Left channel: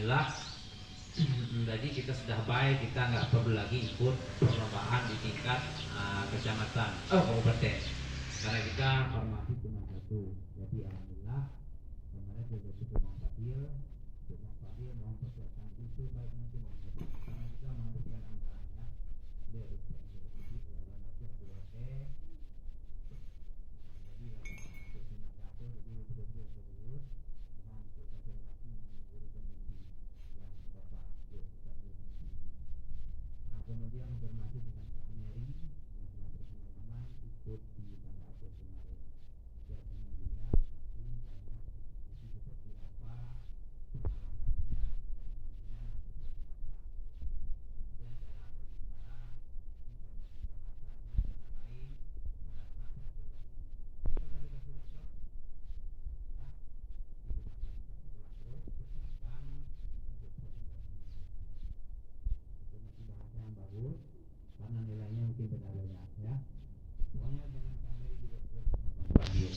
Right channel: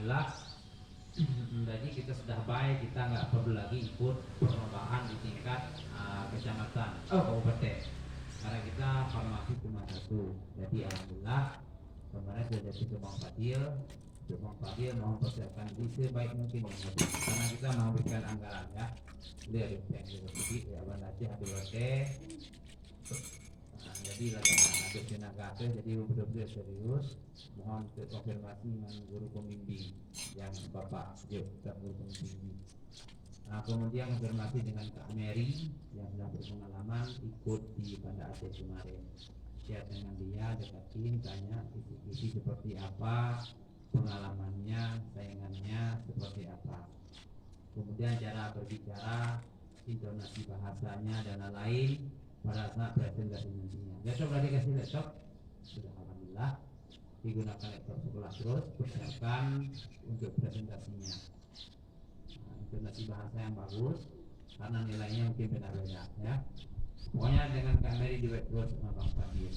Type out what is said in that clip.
alhamdulillah. Jadi kita sudah baik, kita nggak perlu lagi ikut perlombaan di tingkat kecamatan, kabupaten, karena kita formasi cuma satu. Jadi alhamdulillah kemarin sudah jadi Bang Fadil mau mempersiapkan diri sebaik mungkin ya, karena kita mau berikan anggaran ya. Dia ada yang sedikit ya, nanti ada jadi lagi ada tenaga jadi betul-betul serius. Mohon konfirmasi dengan guru pembimbing yang Bapak kita guru pembimbing. Nah, kemudian konfirmasi dengan Kak Mary yang sudah berpengalaman ikut di Banda Aceh kemarin. Share dengan dia, dekatin, tanya isi seperti apa, pengalamannya, saingannya seperti apa. Kemudian cara berbicara, intonasi bahasanya dan lain-lain pada saat presentasi nantinya. Besok lagi kasih laptop, sudah alhamdulillah digunakan laptop sekolah terus persiapkan untuk presentasinya. Intonasi bahasa yang bagus karena nilainya mungkin benar-benar ya. Pokoknya dengan Kak Mary di web terus sama Bang Fadil.